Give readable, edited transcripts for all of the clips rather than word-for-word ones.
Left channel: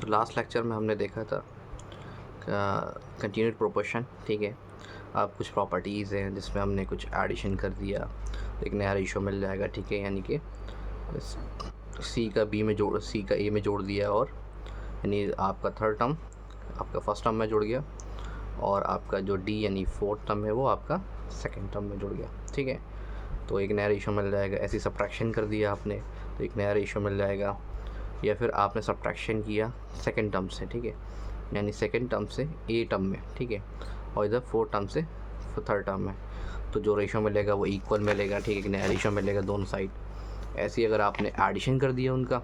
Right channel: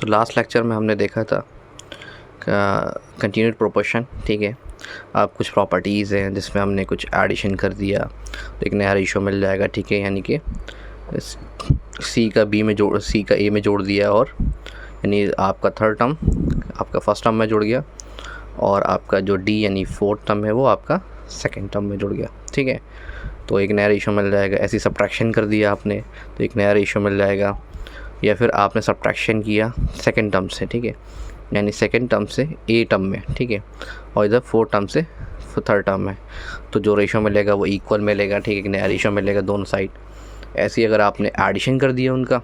तो last lecture में हमने देखा था कंटिन्यूड प्रोपोर्शन, ठीक है। अब कुछ प्रॉपर्टीज़ हैं जिसमें हमने कुछ एडिशन कर दिया तो एक नया रेशो मिल जाएगा, ठीक है। यानी कि सी का ए में जोड़ दिया, और यानी आपका थर्ड टर्म आपका फर्स्ट टर्म में जुड़ गया, और आपका जो डी यानी फोर्थ टर्म है वो आपका सेकेंड टर्म में जुड़ गया, ठीक है। तो एक नया रेशो मिल जाएगा। ऐसी सब्ट्रैक्शन कर दिया आपने तो एक नया रेशो मिल जाएगा, या फिर आपने सब्ट्रैक्शन किया सेकेंड टर्म से, ठीक है, यानी सेकेंड टर्म से ए टर्म में, ठीक है, और इधर फोर्थ टर्म से थर्ड टर्म में, तो जो रेशो मिलेगा वो इक्वल मिलेगा, ठीक है। एक नया रेशो मिलेगा दोनों साइड। ऐसे ही अगर आपने एडिशन कर दिया उनका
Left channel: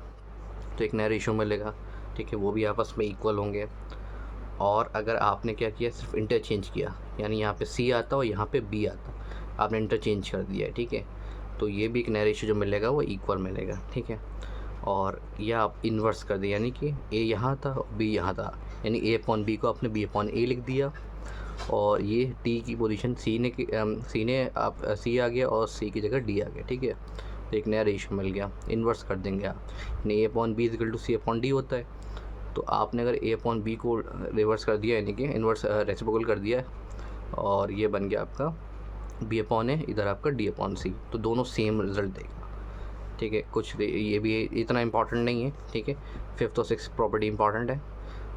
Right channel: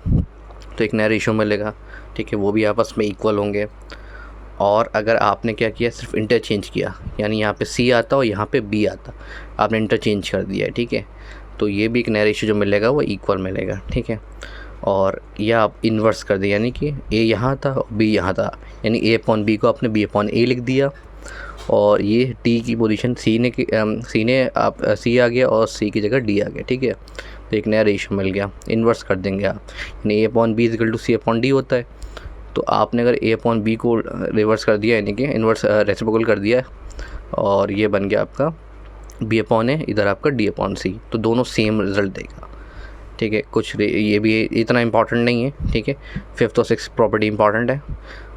तो एक नया रेशो मिलेगा, ठीक है, वो भी आपस में इक्वल होंगे। और अगर आपने क्या किया, सिर्फ इंटरचेंज किया, यानी यहाँ पे सी आता और यहाँ पे बी आता, आपने इंटरचेंज कर दिया है, ठीक है, तो ये भी एक नया रेशो जो मिलेगा वो इक्वल मिलेगा, ठीक है। और यह आप इन्वर्स कर दिया, यानी कि ए यहाँ था और बी यहाँ था, यानी ए अपॉन बी को आपने बी अपॉन ए लिख दिया, और ये टी की पोजीशन सी आ गया और सी की जगह डी आ गया, ठीक है। तो एक नया रेशो मिल गया, इन्वर्स कर देंगे आप, यानी A upon B equal to C upon D होता है। तो आपने अगर ए अपॉन बी को रिवर्स कर दिया, यानी कि इन्वर्स रेसिप्रोकल कर दिया, और ये बन गया आपका बी अपॉन ए, इधर आपका डी अपॉन सी, तो दोनों सेम रिजल्ट देगा, ठीक है। ये भी इतना इंपॉर्टेंट नहीं है, ठीक है। फिफ्थ और सिक्स प्रॉपर्टी इंपॉर्टेंट है,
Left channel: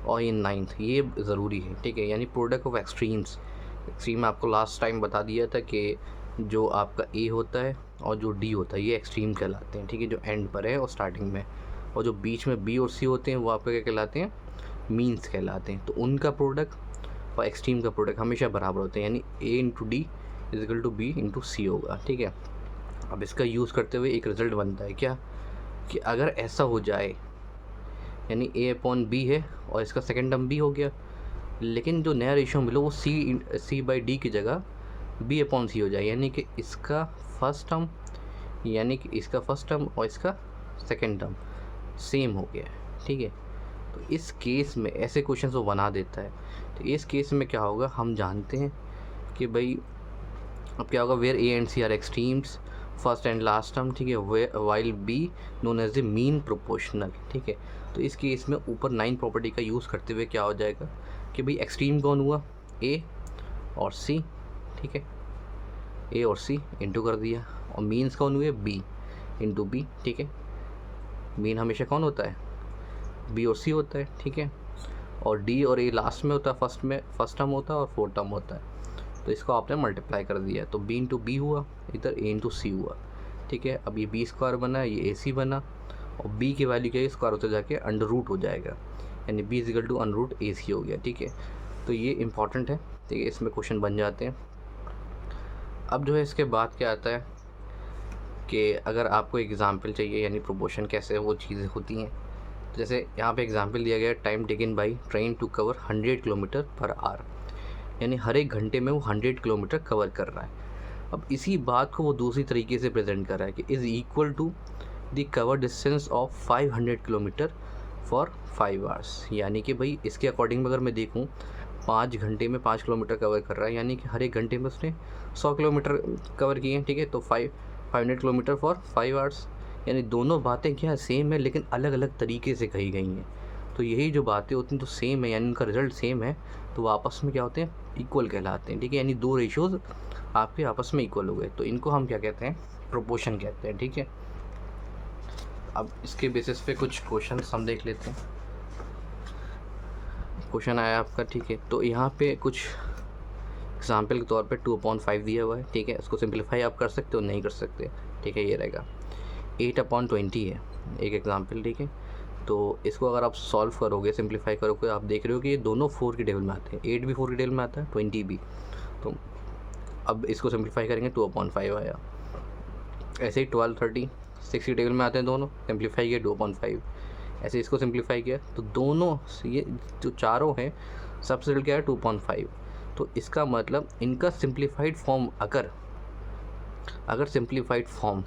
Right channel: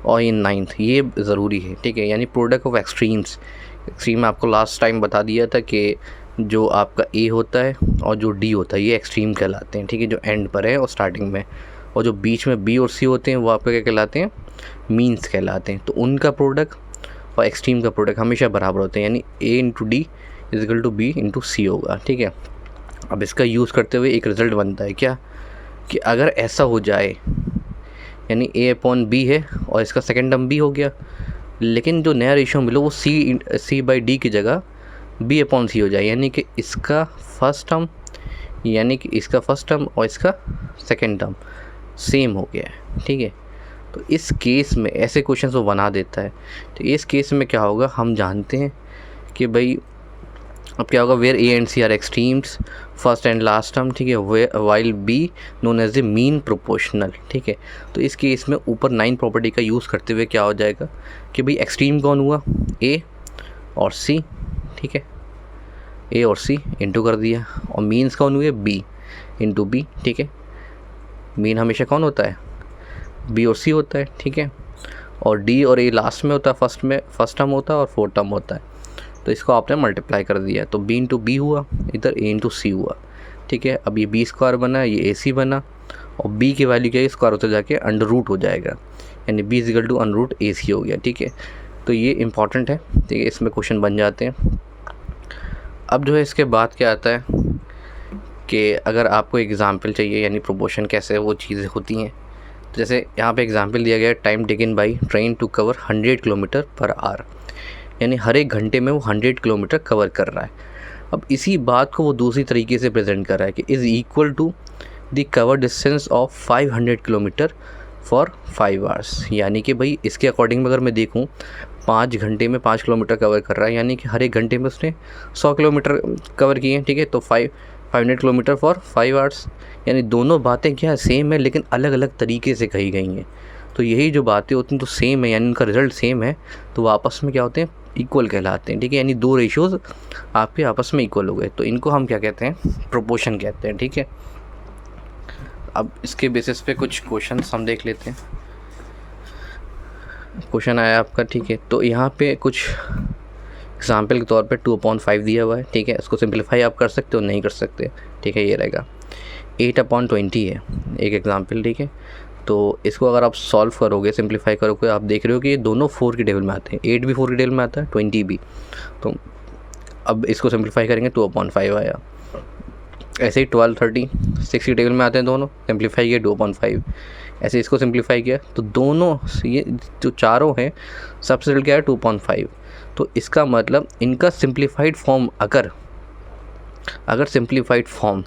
और ये नाइन्थ ये ज़रूरी है, ठीक है। यानी प्रोडक्ट ऑफ एक्सट्रीम आपको लास्ट टाइम बता दिया था कि जो आपका ए होता है और जो डी होता है ये एक्सट्रीम कहलाते हैं, ठीक है, जो एंड पर है और स्टार्टिंग में, और जो बीच में बी और सी होते हैं वो आपका क्या कहलाते हैं, मीन्स कहलाते हैं। तो उनका प्रोडक्ट और एक्सट्रीम का प्रोडक्ट हमेशा बराबर होते हैं, यानी A into D is equal to B into C होगा, ठीक है। अब इसका यूज़ करते हुए एक रिज़ल्ट बनता है क्या, कि अगर ऐसा हो जाए, यानी ए अपॉन बी है और इसका सेकेंड टर्म बी हो गया, लेकिन जो नया रेशियो मिलो वो सी बाई डी की जगह बी अपॉन सी हो जाए, यानी कि इसका फर्स्ट टर्म और इसका सेकेंड टर्म सेम हो गया है, ठीक है। तो इस केस में ऐसे क्वेश्चन वो बना देता है। तो इस केस में क्या होगा, हम जानते हैं कि भाई अब क्या होगा, where a and c are extremes first and last term, ठीक है, while b known as the mean proportional, ठीक है। तो इस केस में ऊपर 9 प्रॉपर्टी का यूज़ करते हुए क्या हो जाएगा कि भाई एक्सट्रीम कौन हुआ, ए और सी, ठीक है, ए और सी इंटू कर दिया, और मीन्स कौन हुए, बी इंटू बी, ठीक है। मीन हमेशा कौन होता है, बी और सी होता है, ठीक है, और डी और ए लास्ट में होता है, फर्स्ट टर्म होता है और फोर्थ टर्म होता है। तो इसको आपने मल्टीप्लाई कर दिया, तो बी इंटू बी हुआ, इधर ए इंटू सी हुआ, ठीक है। अब ये बी स्क्वायर बना, ये ए सी बना, और बी की वैल्यू क्या है, स्क्वायर होते जाके अंडर रूट हो जाएगा, यानी B is equal to under root A C हो गया, ठीक है। तो ये इंपॉर्टेंट है, ठीक है, इसमें क्वेश्चन बन जाते हैं। अब जो है इसके बाद क्या आता है कि अगर आपको एग्जाम्पल चाहिए, यानी प्रोपोर्शन कैसे वो चीज़ें होती हैं, तो जैसे यहाँ पे एग्जाम्पल दिया गया है, time taken by train to cover 100 kilometre per hour, यानी हर एक घंटे में वो 100 किलोमीटर कवर कर रहा है। अब इसी बात को वो दूसरी तरीके से प्रेजेंट कर रहा है कि is equal to the cover distance of 500 kilometre for 5 hours, यानी कि भाई इसके अकॉर्डिंग अगर मैं देखूँ 5 घंटे में 5 किलोमीटर कवर कर रहा है, यानी कि हर एक घंटे में उसने 100 किलोमीटर कवर किए हैं, ठीक है। तो 500 किलोमीटर फॉर 5 आवर्स, यानी दोनों बातें क्या सेम है लेकिन अलग अलग तरीके से कही गई हैं। तो यही जो बातें होती हैं तो सेम है, यानी उनका रिजल्ट सेम है, तो वो आपस में क्या होते हैं, इक्वल कहलाते हैं, ठीक है। यानी दो रेशियोज़ आपके आपस में इक्वल हो गए, तो इनको हम क्या कहते हैं, प्रोपोर्शन कहते हैं, ठीक है। अब इसके बेसिस पे कुछ क्वेश्चन हम देख लेते हैं। क्वेश्चन आया आपका, ठीक है, तो यहाँ पे कुछ एग्जाम्पल के तौर पे 2/5 दिया हुआ है, ठीक है। इसको सिंप्लीफाई आप कर सकते हो, नहीं कर सकते, ठीक है। ये रहेगा 8/20 है एक एग्जाम्पल, ठीक है। तो इसको अगर आप सॉल्व करोगे, सिंप्लीफाई करोगे, आप देख रहे हो कि ये दोनों 4 के टेबल में आते हैं, 8 भी 4 के टेबल में आता है, 20 भी। तो अब इसको सिंप्लीफाई करेंगे 2/5 आया। ऐसे ही 12, 30 6 के टेबल में आते हैं दोनों, सिंप्लीफाई किया 2/5। ऐसे इसको सिंप्लीफाई किया तो दोनों ये जो चारों हैं सबसे रिजल्ट क्या है, 2/5। तो इसका मतलब इनका सिंप्लीफाइड फॉर्म अगर सिंप्लीफाइड फॉर्म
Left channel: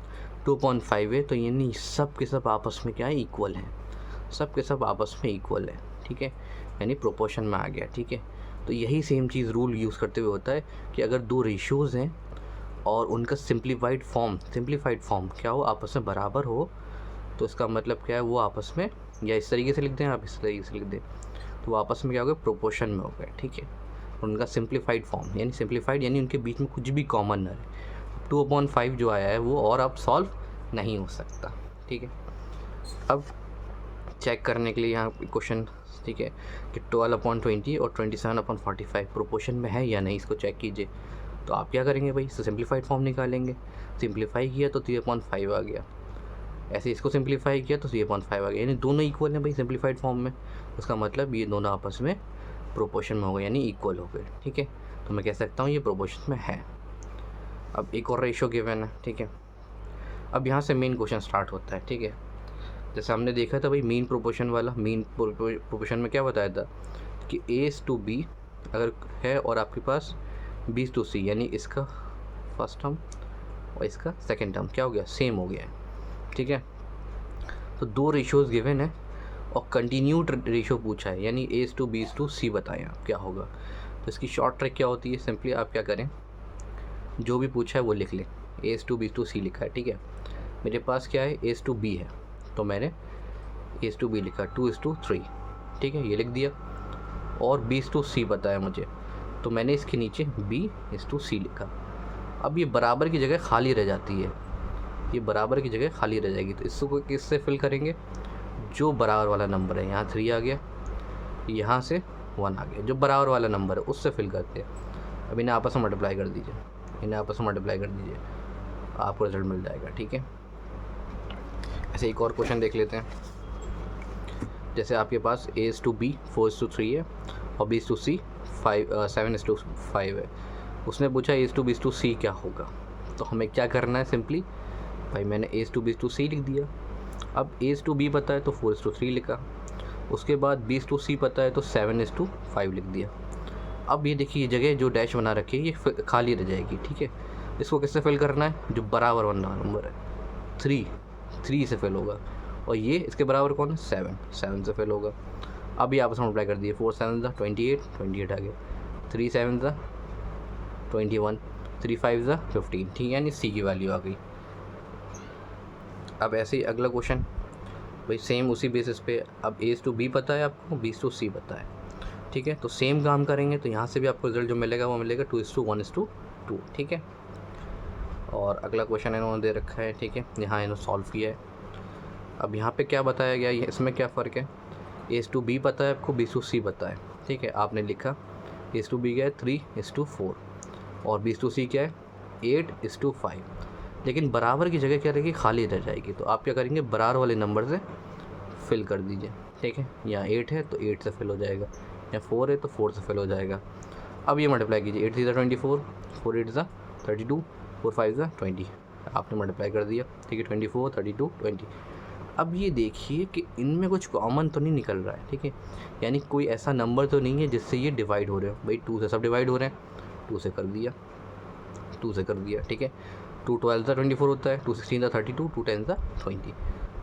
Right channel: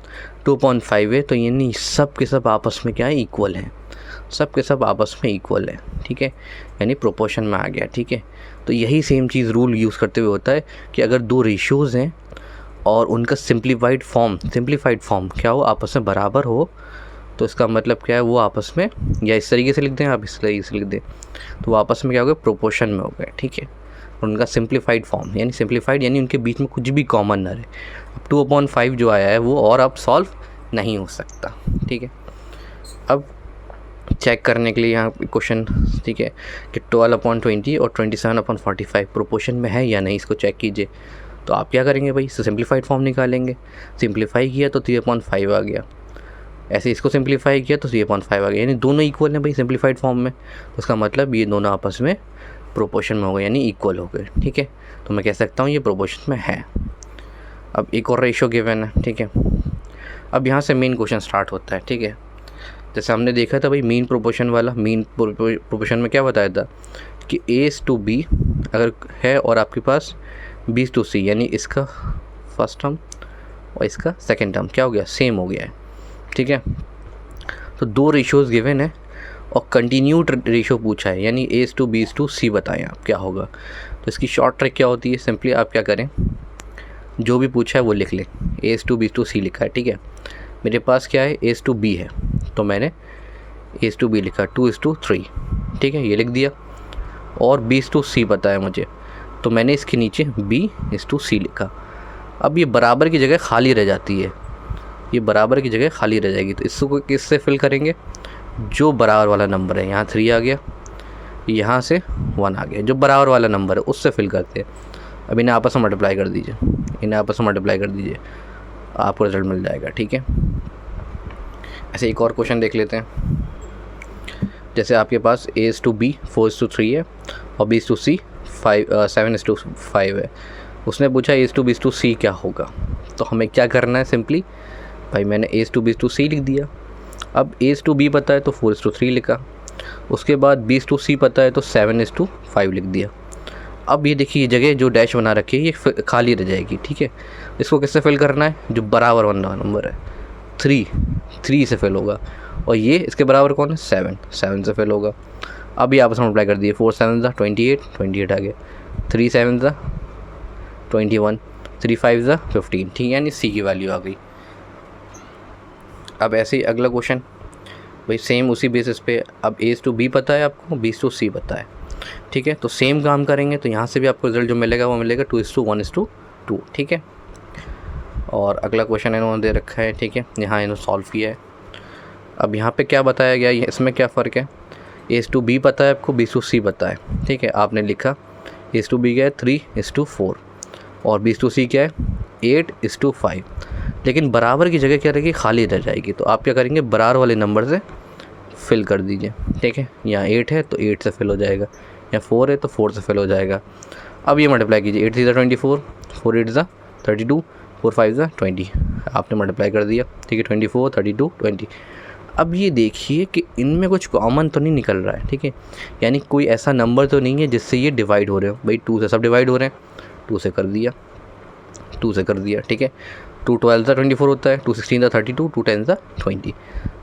2/5 है, तो यानी सब के सब आपस में क्या है, इक्वल हैं, सब के सब आपस में इक्वल है, ठीक है, यानी प्रोपोर्शन में आ गया, ठीक है। तो यही सेम चीज़ रूल यूज़ करते हुए होता है कि अगर दो रेशियोज़ हैं और उनका सिंप्लीफाइड फॉर्म क्या हो, आपस में बराबर हो, तो इसका मतलब क्या है, वो आपस में या इस तरीके से लिख दें, आप इस तरीके से लिख दें, तो वो आपस में क्या हो गए, प्रोपोर्शन में हो गए, ठीक है। उनका सिंप्लीफाइड फॉर्म, यानी सिंप्लीफाइड यानी उनके बीच में कुछ भी कॉमन ना रहे। 2/5 जो आया है वो और अब सॉल्व नहीं हो सकता, ठीक है। अब चेक करने के लिए यहाँ क्वेश्चन, ठीक है, कि 12/20 और 27/45 प्रोपोर्शन में है या नहीं, इसको चेक कीजिए। तो आप क्या करेंगे भाई, सिंप्लीफाइड फॉर्म निकालेंगे। सिंप्लीफाई किया तो 3/5 आ गया, ऐसे इसको सिंप्लीफाई किया तो 3/5 आ गया, यानी दोनों इक्वल हैं भाई सिंप्लीफाइड फॉर्म में। उसका मतलब ये दोनों आपस में प्रोपोर्शन में हो गए, यानी इक्वल हो गए, ठीक है। तो मैं कह सकता हूँ ये प्रोपोर्शन में है। अब एक और रेशो गिवन है, ठीक है। अब यहाँ से मेन क्वेश्चन स्टार्ट होता है, ठीक है। जैसे हमने देखा था भाई मीन प्रोपोर्शन वाला, मीन प्रोपोर्शन में क्या बताया था कि A/B अगर है और आपके पास B/C, यानी इसका फर्स्ट टर्म और इसका सेकंड टर्म क्या हो गया, सेम हो गया है, ठीक है। तो दो रेशियोज़ गिवन है और कंटिन्यूड रेशियो पूछा है, यानी A/B/C बताएं आप क्या होगा। तो इसकी शॉर्ट ट्रिक क्या होती है, सिंपली आप क्या करें, जो भी पूछा है वो लिख लें। A/B/C लिखा है, ठीक है। मेरे पास क्या है, A/B है, तो मैंने A/B लिखा, 2:3, ठीक है, ये लिख दिया। और B/C पता है मुझे, तो मैंने इसके नीचे B/C लिखा। अब ये बराबर की जगह खाली रह जाती है, ये बराबर की जगह खाली रह जाएगी, तो इसको किससे फिल करेंगे, जो बराबर वाला नंबर है, यहाँ 3 आ गया, यहाँ से 1 आ गया, जो बराबर वाला नंबर है उससे फिल करते हैं। अब इन्हें आपस में मल्टीप्लाई कर दीजिए, इन्हें आपस में मल्टीप्लाई कर दीजिए, आपको रिजल्ट मिल जाएगा, ठीक है। ऐसे एक और क्वेश्चन देख लेते हैं। जैसे आपके पास A/B 4:3 है और B/C 7:5 है। उसने पूछा A/B/C क्या होगा, तो हमें क्या करना है, सिंपली भाई मैंने A/B/C लिख दिया। अब A/B पता है तो 4:3 लिखा, उसके बाद B/C पता है तो 7:5 लिख दिया। अब ये देखिए, जगह जो डैश बना रखी है ये खाली रह जाएगी, ठीक है। इसको किससे फिल करना है, जो बराबर वाला नंबर है, 3 से फिल होगा, और ये इसके बराबर कौन है, 7 से फिल होगा। अब ये आपस में मल्टीप्लाई कर दिए, 4 7 28 आ गया, 3 7 21, 3 5 15, ठीक है, यानी C की वैल्यू आ गई। अब ऐसे ही अगला क्वेश्चन भाई सेम उसी बेसिस पे, अब A/B पता है आपको, B/C पता है, ठीक है। तो सेम काम करेंगे, तो यहाँ से भी आपको रिजल्ट जो मिलेगा वो मिलेगा 2:1:2, ठीक है। और अगला क्वेश्चन इन्होंने दे रखा है, ठीक है, यहाँ इन्होंने सॉल्व किया है। अब यहाँ पे क्या बताया गया है, इसमें क्या फ़र्क है, A/B पता है आपको, B/C पता है, ठीक है। आपने लिखा A/B क्या है 3:4 और B/C क्या है 8:5, लेकिन बराबर की जगह क्या रहेगी, खाली रह जाएगी। तो आप क्या करेंगे, बराबर वाले नंबर से फिल कर दीजिए, ठीक है। यहाँ 8 है तो 8 से फिल हो जाएगा, या 4 है तो 4 से फिल हो जाएगा। अब ये मल्टीप्लाई कीजिए, 8 3 24, 4 8 32, 4 5 20, आपने मल्टीप्लाई कर दिया, ठीक है, 24 32 20। अब ये देखिए कि इनमें कुछ कॉमन तो नहीं निकल रहा है, ठीक है, यानी कोई ऐसा नंबर तो नहीं है जिससे ये डिवाइड हो रहे हो। भाई 2 से सब डिवाइड हो रहे हैं, 2 से कर दिया, 2 से कर दिया, ठीक है। 2 12 24 होता है, 2 16 32, 2 10 20,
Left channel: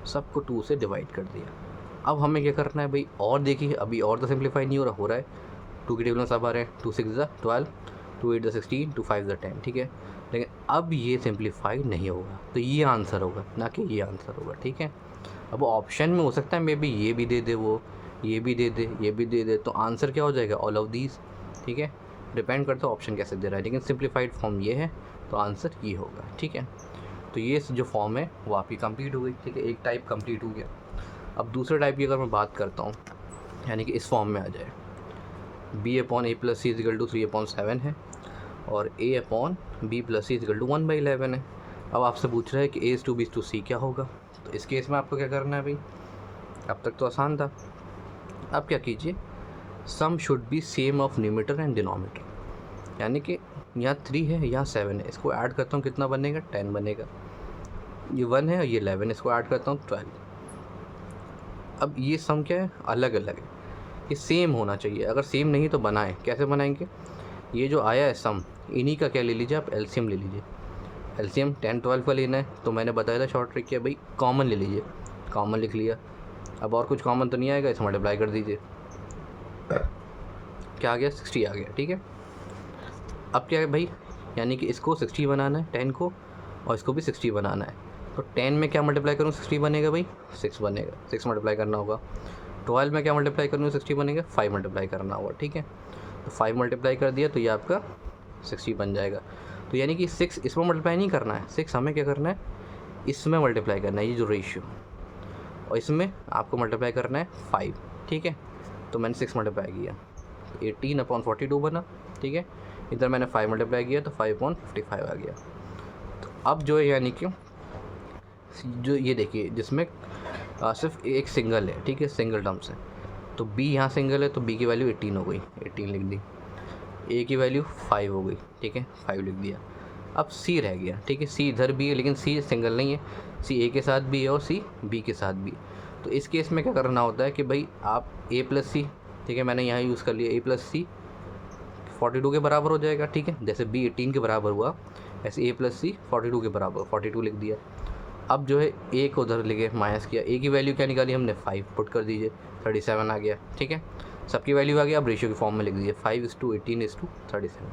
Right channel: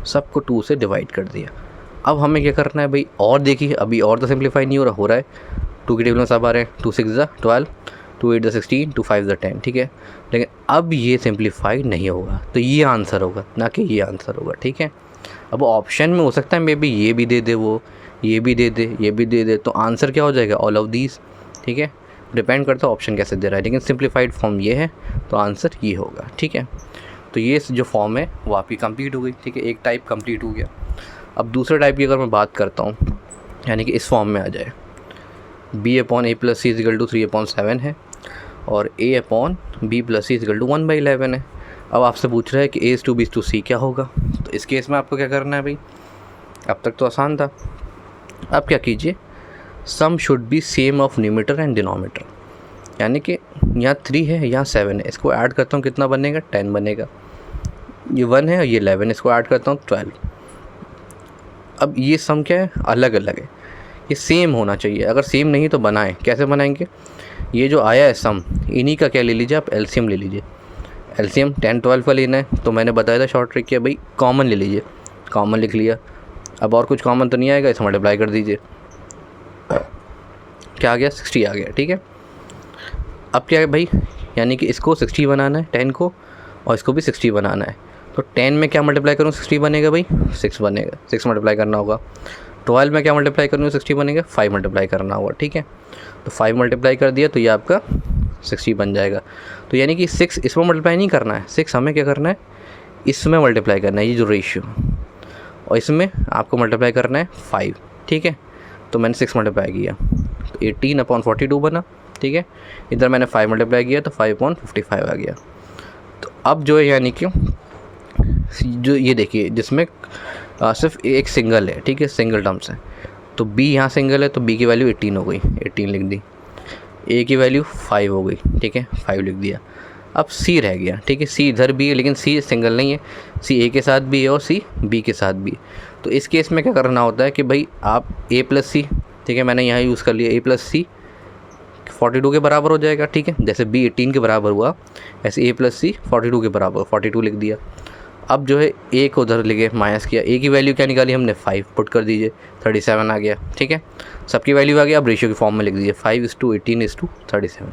सबको 2 से डिवाइड कर दिया। अब हमें क्या करना है भाई, और देखिए अभी और तो सिंप्लीफाई नहीं हो रहा है, 2 की टेबल में सब आ रहे हैं, 2 6 12, 2 8 16, 2 5 10, ठीक है। लेकिन अब ये सिंप्लीफाई नहीं होगा, तो ये आंसर होगा, ना कि ये आंसर होगा, ठीक है। अब ऑप्शन में हो सकता है मे बी ये भी दे दे, वो ये भी दे दे, ये भी दे दे, तो आंसर क्या हो जाएगा, ऑल ऑफ दीज, ठीक है। डिपेंड करता है ऑप्शन कैसे दे रहा है, लेकिन सिंप्लीफाइड फॉर्म ये है तो आंसर ये होगा, ठीक है। तो ये जो फॉर्म है वो आपकी कंप्लीट हो गई, ठीक है, एक टाइप कंप्लीट हो गया। अब दूसरे टाइप की अगर मैं बात करता हूँ, यानी कि इस फॉर्म में आ जाए, B/A+C = 3/7 है और A/B+C = 1/11 है। अब आपसे पूछ रहा है कि A/B/C क्या होगा, तो इस केस में आपको क्या करना है भाई, अब तक तो आसान था। अब क्या कीजिए, sum should be same of numerator and denominator, यानी कि यहाँ 3 है, यहाँ 7 है, इसको ऐड करता हूँ कितना बनेगा, 10 बनेगा। ये 1 है और ये 11, इसको ऐड करता हूँ 12। अब ये सम क्या है, अलग अलग है, ये सेम होना चाहिए। अगर सेम नहीं तो बनाएं, कैसे बनाएंगे, ये जो आया है सम, इन्हीं का क्या ले लीजिए आप, एलसीएम ले लीजिए। एलसीएम 10 12 का लेना है, तो मैंने बताया था शॉर्ट ट्रिक किया भाई, कॉमन ले लीजिए, कॉमन लिख लिया। अब और कुछ कॉमन तो नहीं आएगा, इसे मल्टीप्लाई कर दीजिए, क्या आ गया, 60 आ गया, ठीक है। अब क्या है भाई, यानी कि इसको 60 बनाना है 10 को, और इसको भी 60 बनाना है, तो 10 में क्या मल्टीप्लाई करूँ 60 बनेगा भाई 6 बनेगा, 6 मल्टीप्लाई करना होगा। 12 में क्या मल्टीप्लाई करूँ 60 बनेगा 5 मल्टीप्लाई करना होगा, ठीक है। तो 5 मल्टीप्लाई कर दिया तो ये आपका 60 बन जाएगा। तो यानी कि 6 इसमें मल्टीप्लाई नहीं करना है, 6 हमें क्या करना है इसमें मल्टीप्लाई करना है, ये जो रेशियो, और इसमें आपको मल्टीप्लाई करना है 5, ठीक है। तो मैंने 6 मल्टीप्लाई किया तो 18/42 बना, ठीक है। इधर मैंने 5 मल्टीप्लाई किया तो 5/55 आ गया। तो अब जो है यानी कि जो ये देखिए जिसमें सिर्फ एक सिंगल है, ठीक है, सिंगल टर्म्स है। तो b यहाँ सिंगल है तो b की वैल्यू 18 हो गई, 18 लिख दी। a की वैल्यू 5 हो गई, ठीक है, 5 लिख दिया। अब c रह गया, ठीक है। c इधर भी है लेकिन c सिंगल नहीं है, c a के साथ भी है और c b के साथ भी। तो इस केस में क्या करना होता है कि भाई आप a + c, ठीक है, मैंने यहाँ यूज़ कर लिया a + c 42 के बराबर हो जाएगा, ठीक है। जैसे b 18 के बराबर हुआ ऐसे a + c 42 के बराबर, 42 लिख दिया। अब जो है a को उधर लेके माइनस किया, a की वैल्यू क्या निकाली हमने 5 पुट कर दीजिए, 37 आ गया, ठीक है। सबकी वैल्यू आ गया, अब रेशियो की फॉर्म में लिख दीजिए 5:18:37।